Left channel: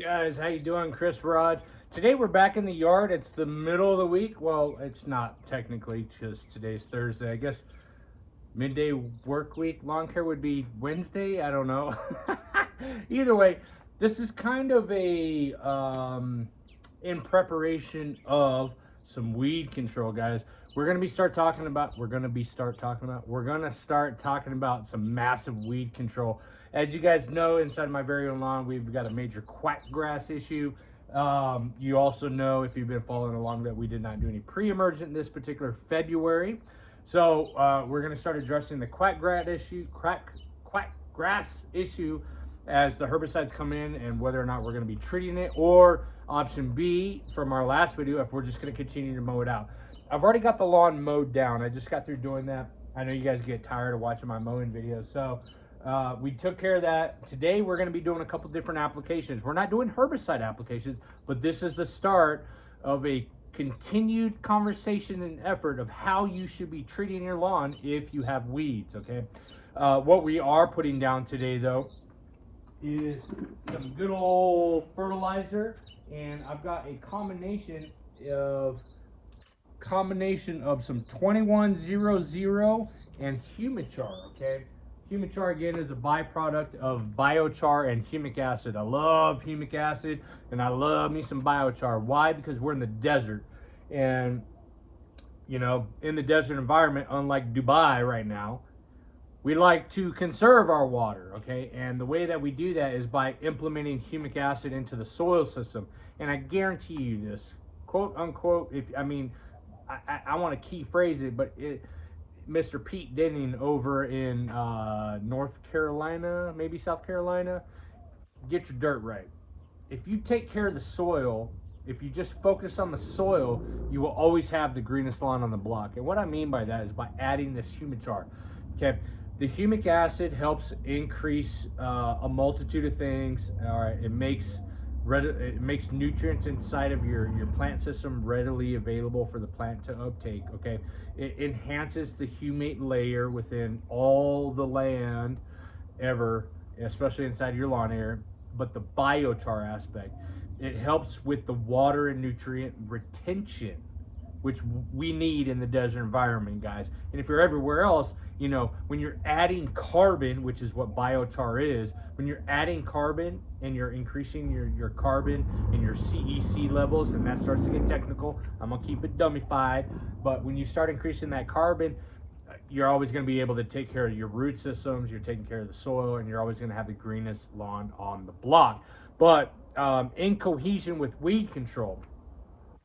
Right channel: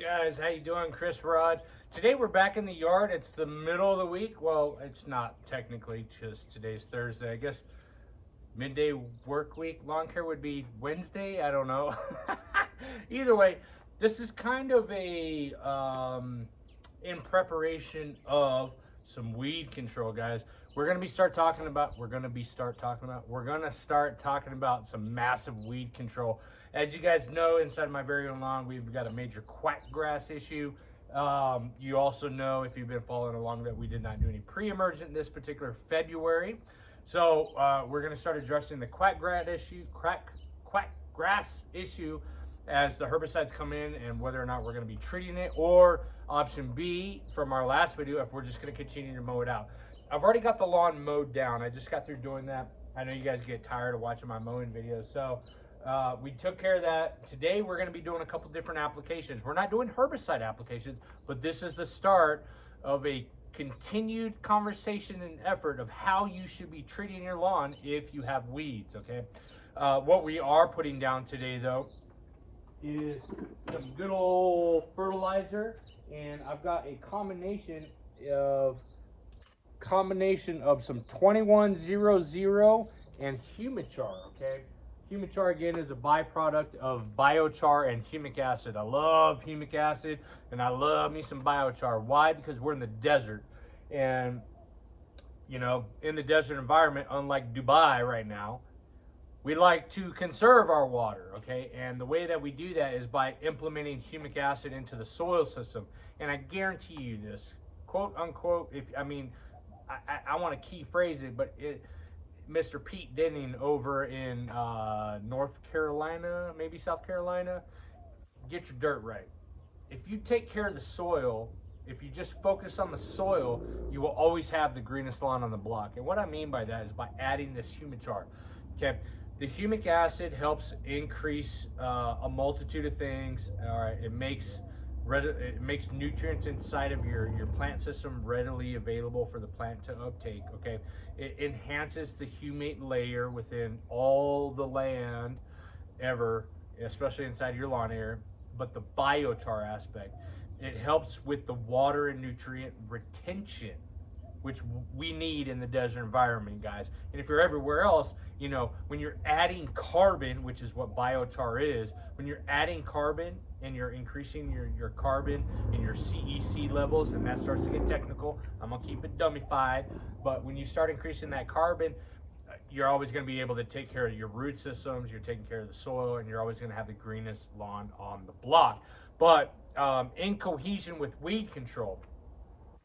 Guys, how you doing? Chris Rod. Today we're back in the yard. It's the middle of the week. Well, it's not technically, because today's Thursday. I guess midday work week lawn care would be Wednesday. I don't know. Either way, this is kind of a in preparation of some weed control, guys. We're gonna start talking about some massive weed control. As you guys know, inside my very own lawn, we've got a major quack grass issue. You also know, if you've been following along, that we did not do any pre-emergent this particular February. So we're going to start addressing the quack grass issue as the herbicides come in, and whether or not we're going to be treating it, or option B from our last video, if we're just going to continue to mow it out. I've already got the lawn mowed down. I just got through doing that. I know you guys get tired of watching my mowing videos, so we took care of that. Today we're going to be doing a couple different applications. We're not doing herbicide applications, but this is the start of a continued conversation and effort of how you should be treating your lawn if you have weeds. Okay, what we are putting down today, though, is some good old fertilizer, and I've got a combination of some 2100 and Humichar. Okay, Humichar, again, is a byproduct of biochar and humic acid. I love humic acid, and I love me some biochar. Why? Because we're in the desert, and you know, in the desert environment, unlike Dubai right now, we like to conserve our water. Okay, and the way that we do that is by implementing humic acid into the soil system. And I guarantee you this, quote unquote, I want to key phrase it, but Mr. Pete Denning over in North Carolina, maybe South Carolina, get your dirt right. If you take care of the soil, if you just focus on the soil, you will always have the greenest lawn on the block. And what I mean by that is by adding this humichar. Okay, the humic acid helps increase a multitude of things. All right, it makes nutrients inside of your plant system readily available for the plant to uptake. Okay, it enhances the humate layer within all the land ever, especially inside your lawn area. But the biochar aspect, it helps with the water and nutrient retention, which we need in the desert environment, guys. And if you're everywhere else, you know, when you're adding carbon, which is what biochar is, when you're adding carbon and you're increasing your carbon and your CEC levels, and that starts to get technical, I'm gonna keep it dummified, but when you start increasing that carbon, you're always gonna be able to take care of your root systems, you're taking care of the soil, and you're always gonna have the greenest lawn on the block. But in cohesion with weed control,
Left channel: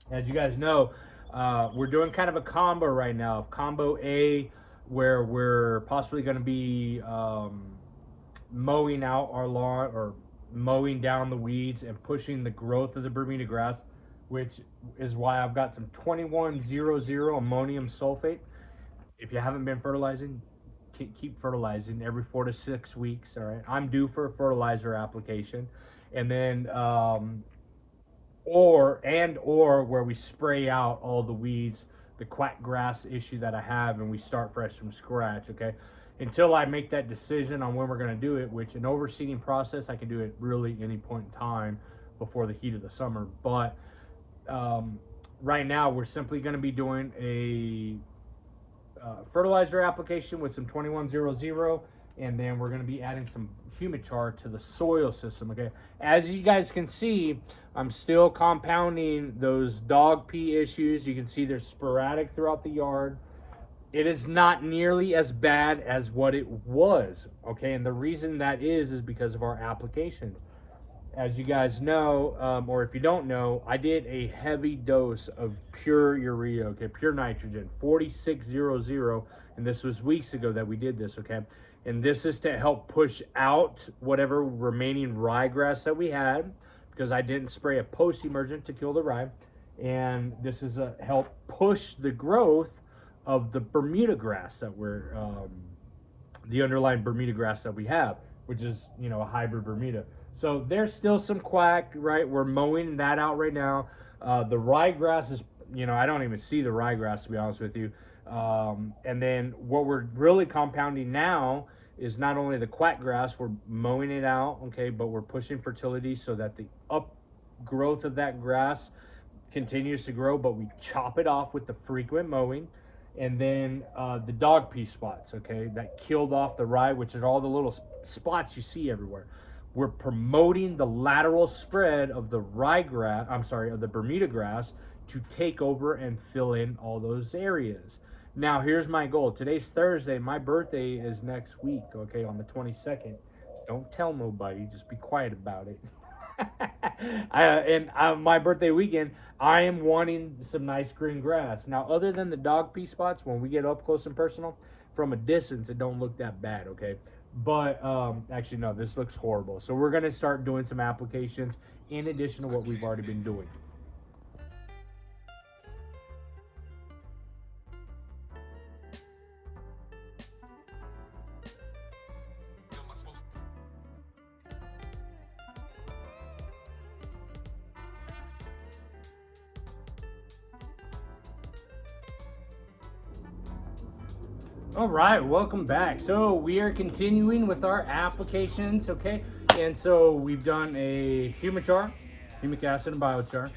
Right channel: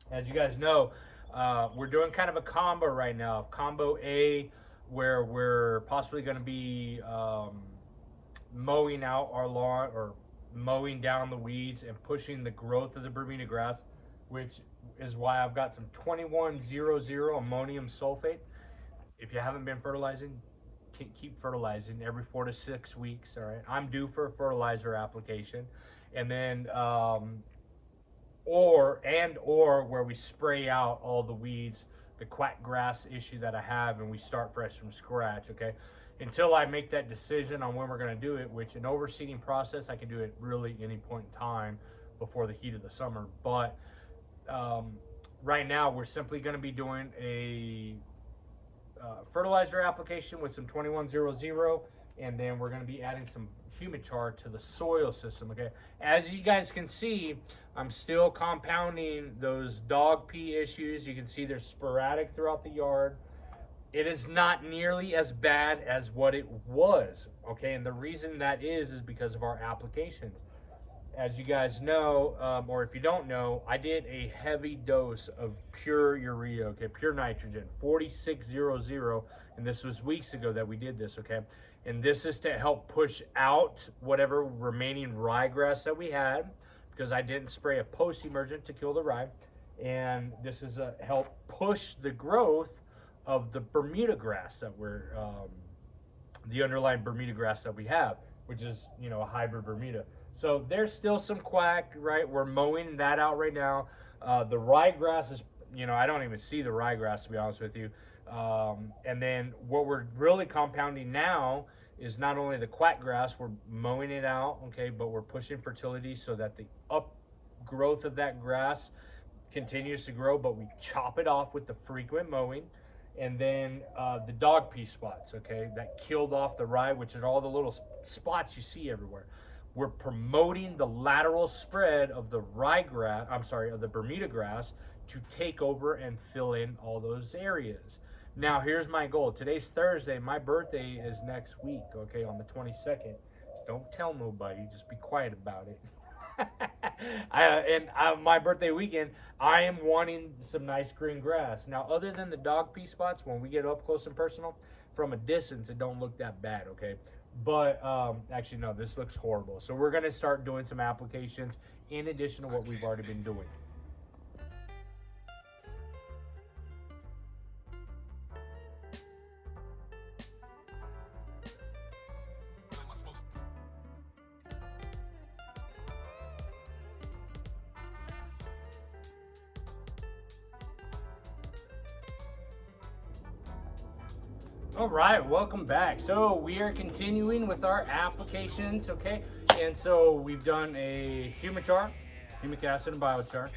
as you guys know, we're doing kind of a combo right now, combo A, where we're possibly going to be mowing out our lawn, or mowing down the weeds and pushing the growth of the Bermuda grass, which is why I've got some 2100 ammonium sulfate. If you haven't been fertilizing, keep fertilizing every 4 to 6 weeks. All right, I'm due for a fertilizer application, and then or where we spray out all the weeds, the quack grass issue that I have, and we start fresh from scratch. Okay, until I make that decision on when we're going to do it, which an overseeding process, I can do it really any point in time before the heat of the summer. But right now we're simply going to be doing a fertilizer application with some 2100, and then we're going to be adding some humichar to the soil system. Okay, as you guys can see, I'm still compounding those dog pee issues. You can see they're sporadic throughout the yard. It is not nearly as bad as what it was. Okay, and the reason that is because of our applications. As you guys know, or if you don't know, I did a heavy dose of pure urea, okay, pure nitrogen, 4600, and this was weeks ago that we did this. Okay, and this is to help push out whatever remaining ryegrass that we had, because I didn't spray a post-emergent to kill the rye, and this is a help push the growth of the Bermuda grass that we're the underlying Bermuda grass that we have, which is, you know, a hybrid Bermuda. So there's still some quack, right? We're mowing that out right now. The ryegrass is, you know, I don't even see the ryegrass, to be honest with you. And then what we're really compounding now is not only the quack grass, we're mowing it out, okay, but we're pushing fertility so that the upgrowth of that grass continues to grow, but we chop it off with the frequent mowing. And then the dog pea spots, okay, that killed off the rye, which is all the little spots you see everywhere. We're promoting the lateral spread of the rye grass, of the Bermuda grass, to take over and fill in all those areas. Now, here's my goal. Today's Thursday. My birthday is next week, okay, on the 22nd. Don't tell nobody. Just be quiet about it. My birthday weekend, I am wanting some nice green grass. Now, other than the dog pea spots, when we get up close and personal, from a distance, it don't look that bad, okay? But actually, no, this looks horrible. So we're going to start doing some applications in addition to what we've already been doing. All right, welcome back. So we are continuing with our applications, okay? And so we've done a humic acid and biochar,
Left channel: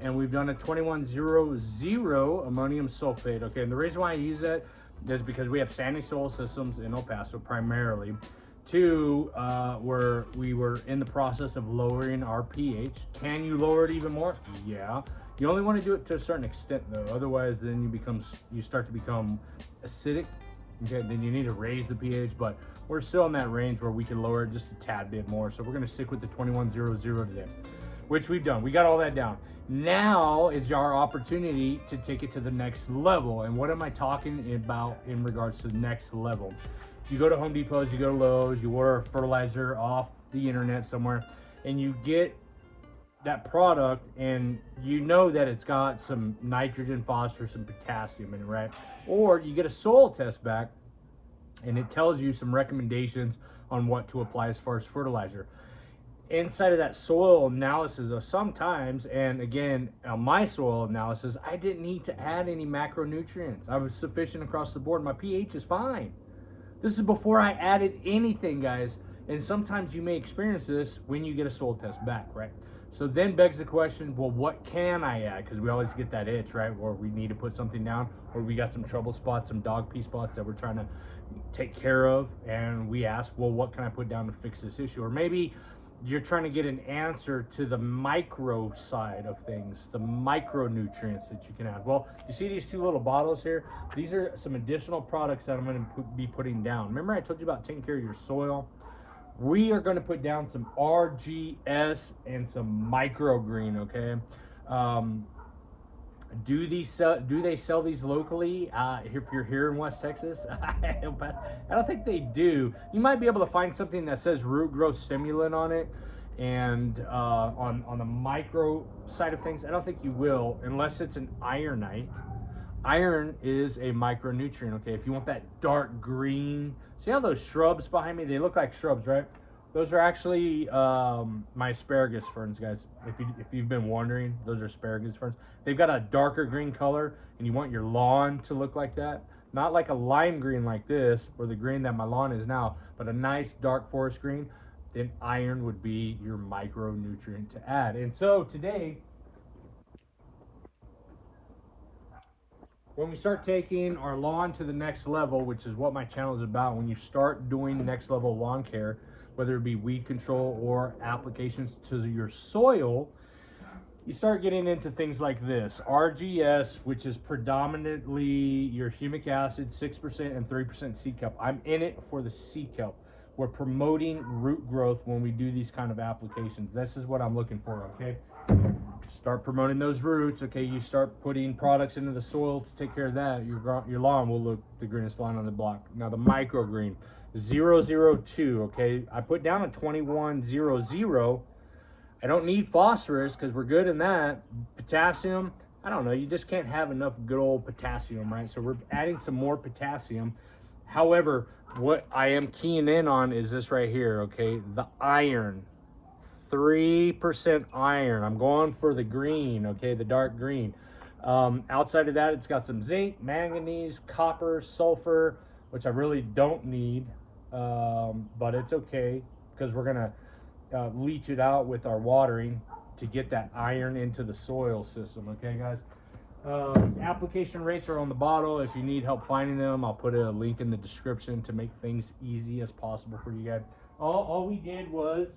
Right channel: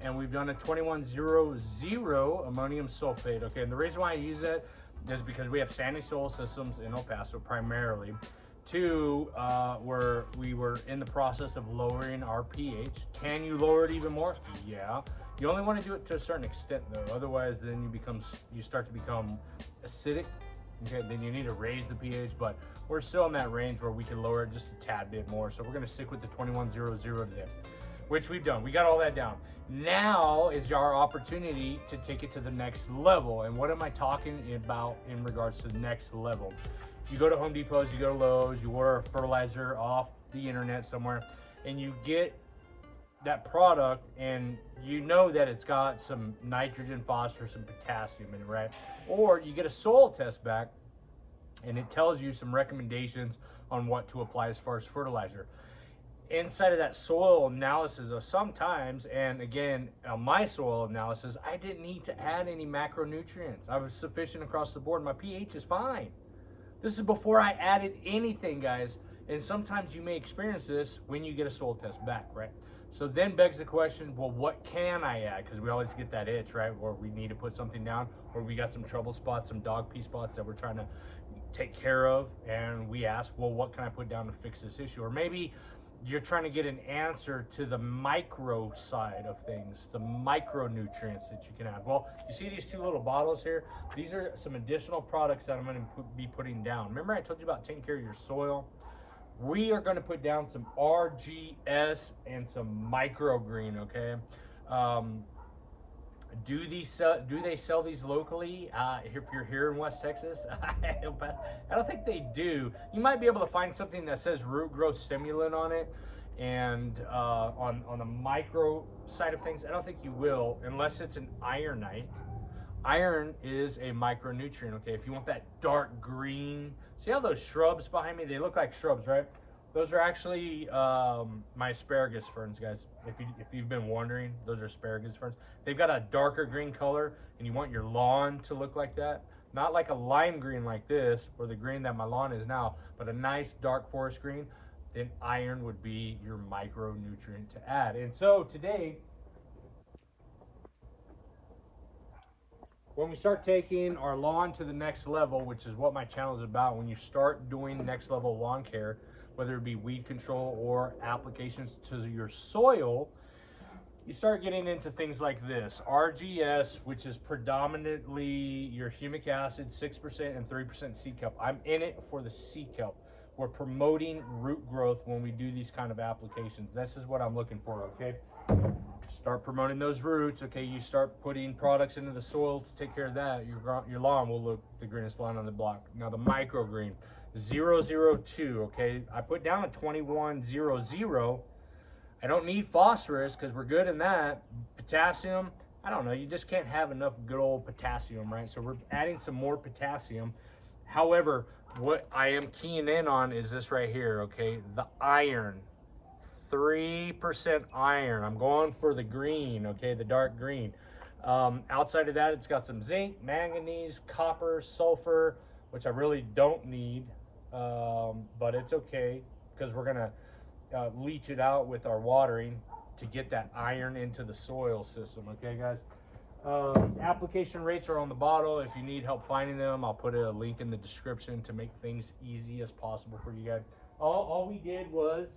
and we've done a 2100 ammonium sulfate, okay? And the reason why I use that is because we have sandy soil systems in El Paso primarily. Two, where we were in the process of lowering our pH. Can you lower it even more? Yeah. You only want to do it to a certain extent though, otherwise then you start to become acidic. Okay, then you need to raise the pH, but we're still in that range where we can lower it just a tad bit more. So we're going to stick with the 2100 today, which we've done. We got all that down. Now is our opportunity to take it to the next level. And what am I talking about in regards to the next level? You go to Home Depots, you go to Lowe's, you order a fertilizer off the internet somewhere, and you get that product, and you know that it's got some nitrogen, phosphorus, and potassium in it, right? Or you get a soil test back, and it tells you some recommendations on what to apply as far as fertilizer. Inside of that soil analysis of sometimes, and again, on my soil analysis, I didn't need to add any macronutrients. I was sufficient across the board. My pH is fine. This is before I added anything, guys. And sometimes you may experience this when you get a soil test back, right? So then begs the question, well, what can I add? Because we always get that itch, right? Or we need to put something down, or we got some trouble spots, some dog pea spots that we're trying to take care of. And we ask, well, what can I put down to fix this issue? Or maybe you're trying to get an answer to the micro side of things, the micronutrients that you can add. Well, you see these two little bottles here? These are some additional products that I'm going to be putting down. Remember I told you about taking care of your soil? We are going to put down some RGS and some MicroGreene, okay? Do they sell these locally if you're here in West Texas? I don't think they do. You might be able to find something that says root growth stimulant on it, and on the micro side of things, I don't think you will, unless it's an ironite. Iron is a micronutrient, okay? If you want that dark green, see how those shrubs behind me, they look like shrubs, right? Those are actually my asparagus ferns, guys. If you've been wondering, those are asparagus ferns. They've got a darker green color, and you want your lawn to look like that. Not like a lime green like this, or the green that my lawn is now, but a nice dark forest green. Then iron would be your micronutrient to add. And so today, when we start taking our lawn to the next level, which is what my channel is about, when you start doing next level lawn care, whether it be weed control or applications to your soil, you start getting into things like this. RGS, which is predominantly your humic acid, 6% and 3% seed kelp. I'm in it for the seed kelp. We're promoting root growth when we do these kind of applications. This is what I'm looking for, okay? Start promoting those roots, okay? You start putting products into the soil to take care of that. Your lawn will look the greenest lawn on the block. Now the MicroGreene, 002, okay? I put down a 2100. I don't need phosphorus because we're good in that. Potassium, I don't know, you just can't have enough good old potassium, right? So we're adding some more potassium. However, what I am keying in on is this right here, okay? The iron, 3% iron. I'm going for the green, okay? The dark green. Outside of that, it's got some zinc, manganese, copper, sulfur, which I really don't need, but it's okay because we're gonna leach it out with our watering to get that iron into the soil system. Okay, guys. Application rates are on the bottle. If you need help finding them, I'll put a link in the description to make things easy as possible for you guys. All we did was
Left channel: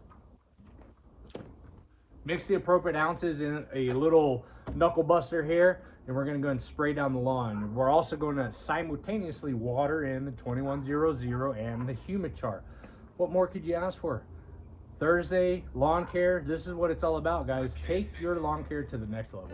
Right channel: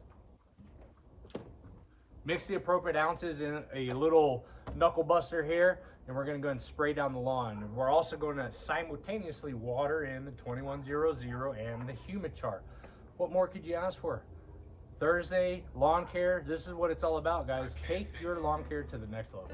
mix the appropriate ounces in a little knuckle buster here, and we're going to go and spray down the lawn. We're also going to simultaneously water in the 2100 and the Humichar. What more could you ask for? Thursday lawn care. This is what it's all about, guys. Take your lawn care to the next level.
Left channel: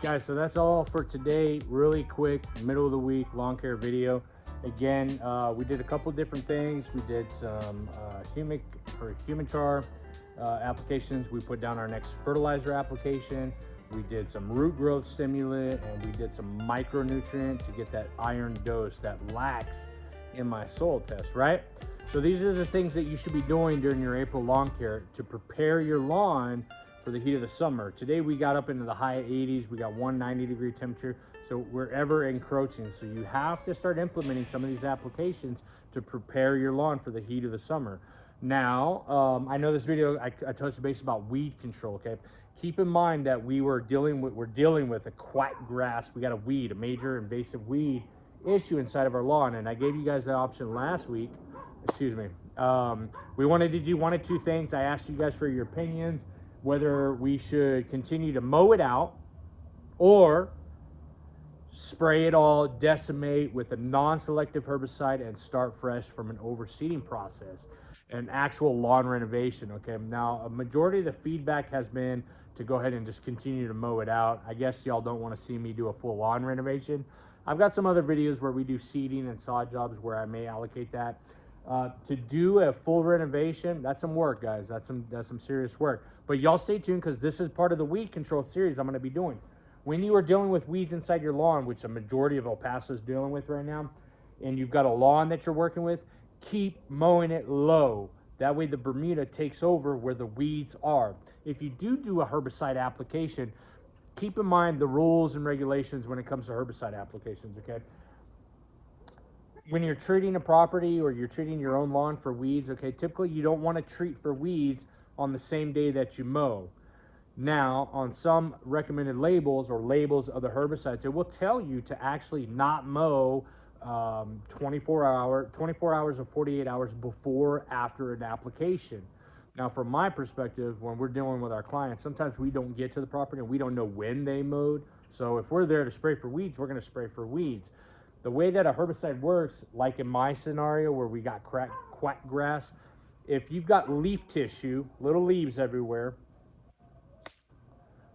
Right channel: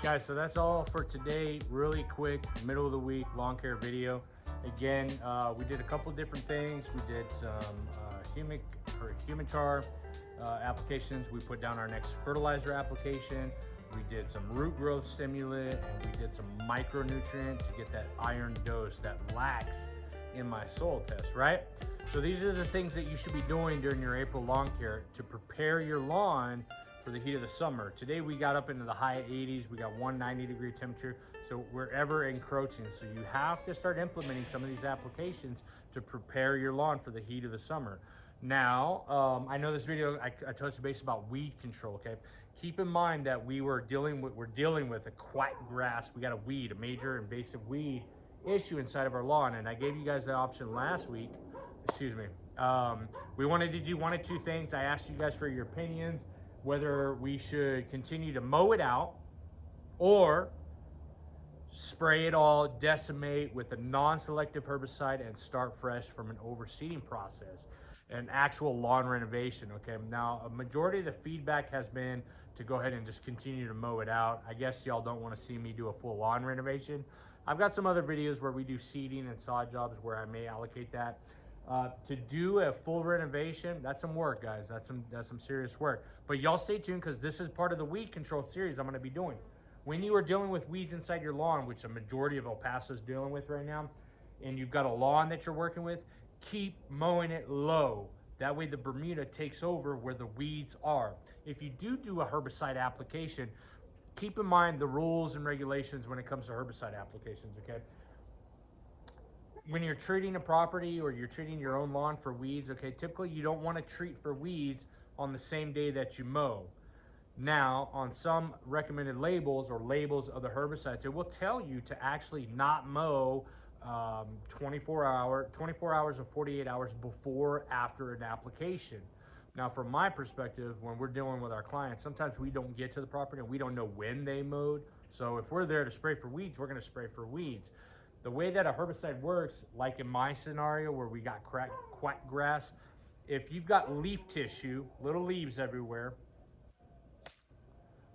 Guys, so that's all for today. Really quick, middle of the week lawn care video. Again, we did a couple different things. We did some Humichar applications. We put down our next fertilizer application. We did some root growth stimulant, and we did some micronutrient to get that iron dose that lacks in my soil test, right? So these are the things that you should be doing during your April lawn care to prepare your lawn for the heat of the summer. Today we got up into the high 80s. We got 190-degree temperature, so we're ever encroaching. So you have to start implementing some of these applications to prepare your lawn for the heat of the summer. Now, I know this video, I touched base about weed control, okay? Keep in mind that we're dealing with a quack grass. We got a weed, a major invasive weed issue inside of our lawn, and I gave you guys the option last week. Excuse me. We wanted to do one of two things. I asked you guys for your opinions, whether we should continue to mow it out or spray it all, decimate with a non-selective herbicide, and start fresh from an overseeding process, an actual lawn renovation. Okay, now a majority of the feedback has been to go ahead and just continue to mow it out. I guess y'all don't want to see me do a full lawn renovation. I've got some other videos where we do seeding and sod jobs where I may allocate that. To do a full renovation, that's some work, guys. That's some serious work. But y'all stay tuned, because this is part of the weed control series I'm going to be doing. When you are dealing with weeds inside your lawn, which a majority of El Paso is dealing with right now, and you've got a lawn that you're working with, keep mowing it low. That way the Bermuda takes over where the weeds are. If you do a herbicide application, keep in mind the rules and regulations when it comes to herbicide applications, okay? When you're treating a property or you're treating your own lawn for weeds, okay, typically you don't want to treat for weeds on the same day that you mow. Now, on some recommended labels or labels of the herbicides, it will tell you to actually not mow 24 hours or 48 hours before, after an application. Now, from my perspective, when we're dealing with our clients, sometimes we don't get to the property and we don't know when they mowed. So if we're there to spray for weeds, we're going to spray for weeds. The way that a herbicide works, like in my scenario where we got quack grass, if you've got leaf tissue, little leaves everywhere,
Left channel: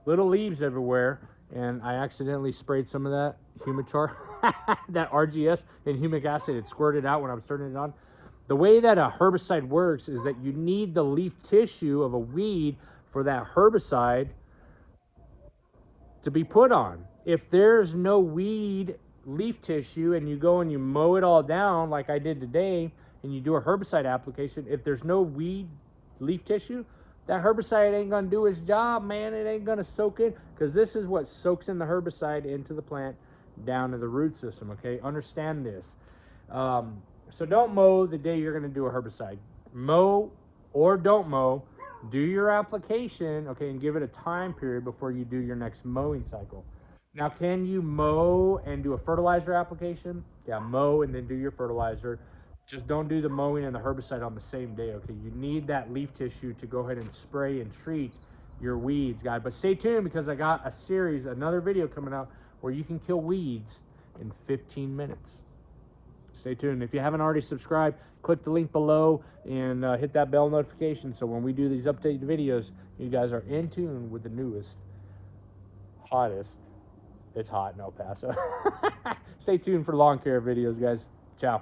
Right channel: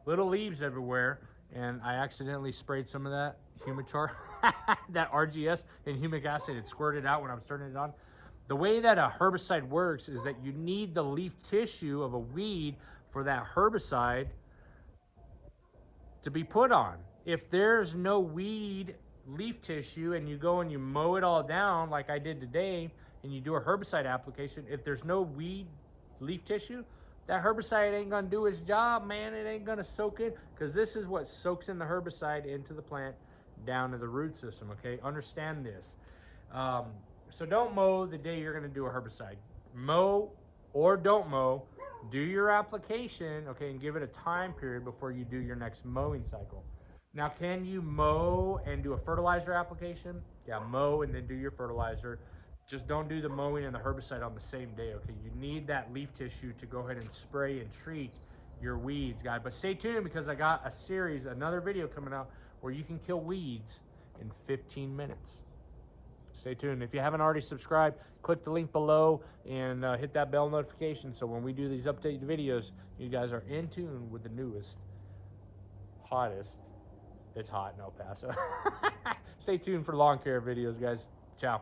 and I accidentally sprayed some of that Humichar, that RGS and humic acid, it squirted out when I was turning it on. The way that a herbicide works is that you need the leaf tissue of a weed for that herbicide to be put on. If there's no weed leaf tissue and you go and you mow it all down like I did today, and you do a herbicide application, if there's no weed leaf tissue, that herbicide ain't gonna do its job, man. It ain't gonna soak in, because this is what soaks in the herbicide into the plant down to the root system, okay? Understand this. So don't mow the day you're gonna do a herbicide. Mow or don't mow, do your application, okay, and give it a time period before you do your next mowing cycle. Now, can you mow and do a fertilizer application? Yeah, mow and then do your fertilizer. Just don't do the mowing and the herbicide on the same day, okay? You need that leaf tissue to go ahead and spray and treat your weeds, guys. But stay tuned, because I got a series, another video coming out where you can kill weeds in 15 minutes. Stay tuned. If you haven't already subscribed, click the link below and hit that bell notification so when we do these updated videos, you guys are in tune with the newest, hottest. It's hot in El Paso. Stay tuned for lawn care videos, guys. Ciao.